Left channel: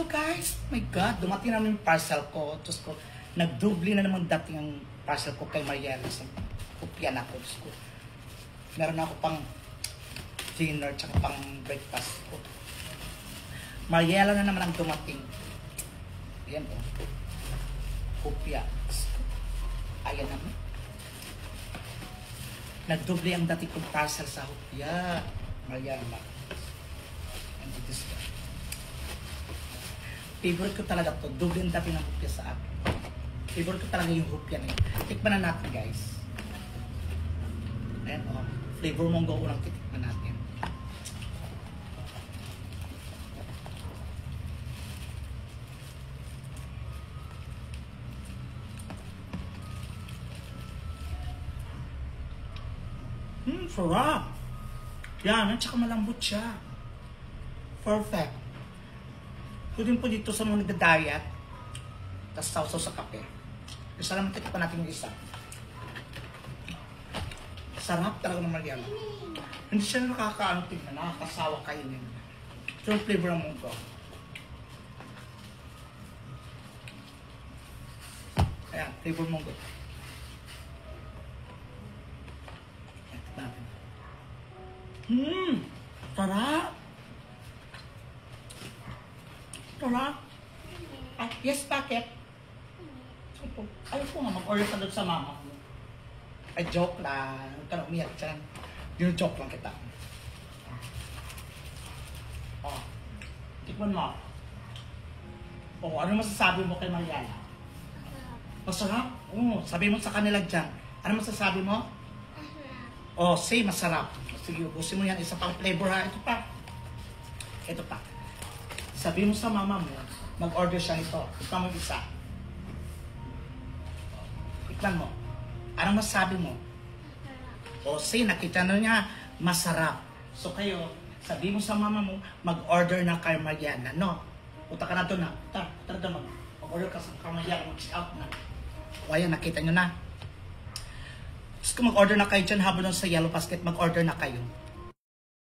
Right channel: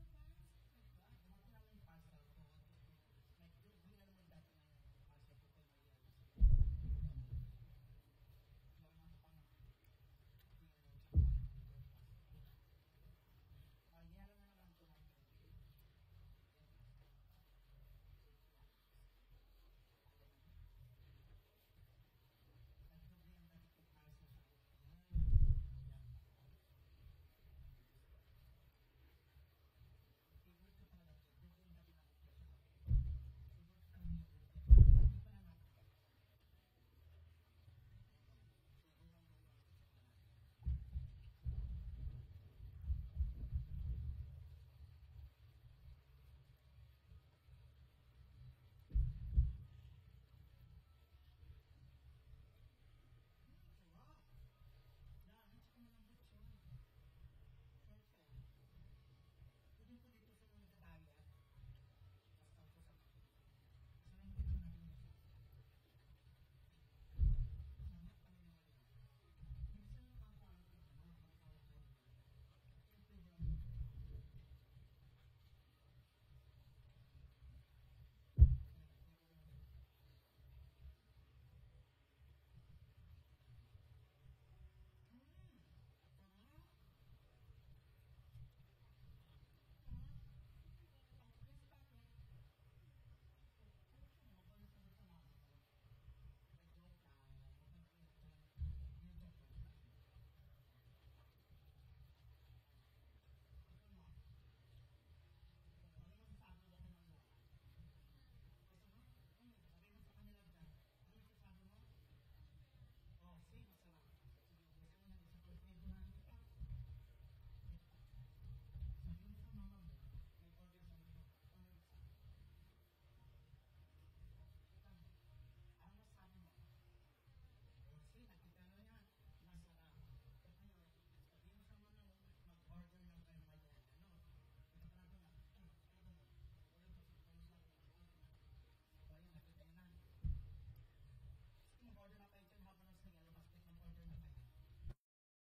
to guys. My God, dumating namin yung parcel ko. Diyos ko, nagdubli na naman dating ang parcel ko kay Mariela. So, kupyan ako. Diyos ko. Meron ako pang dinner tsaka pang breakfast ko. Mariela na naman ang dumating. Ayan o. Kupya. Ayan naman. Nagdubli ang dating kong parcel sa hupya. Mariela. And it is favorite ko talaga to. Doble ang dati ng hupya sa akin. Favorite ko talaga yung hupya na yun. Tikman na natin guys. Ayan o. Flavor monggo unang titikman natin. Sarap. Yan, at saka malambot siya. Perfect. Pwede po dito sa mga nagda-diet, tapos sausaw sa kape. Isa lang matikip pa natin yung isa. Sarap talaga ng Mariela. Hindi siya nakakaano tingnan, nakakasawa kainin. So yung flavor ng munggo. Ayan, flavor ng munggo. Sarap! Sarap! Ah, yes, bakit? Ayaw ko nga mag-order ka doon sa mama mo. Ay, joke lang. Huwag ka na umiyak dyan. Yung joke lang kita. Oh, tikman mo. Oh, ano masasabi mo kay Mariela? Masarap? Oo, sabi mo sa kanila dyan. Ano masasabi mo? Oh, say masarap. Sige, ubusin mo yan. Isa pang flavor ha. Ito pa. Ito pa. Sabi mo sa mama mo, mag-order siya nito. Ito mo isa. Iklan mo. Anong masasabi mo? O say, nakita na niya, masarap. So kayo, sabi mo sa mama mo, mag-order na kay Mariela. No? Punta ka na doon na. Punta na doon. Mag-order ka sa kay Mariela. Mag-check out na. O ayan, nakita nyo na. Gusto ko mag-order na kayo dyan habang sa Yellow Basket, mag-order na kayo.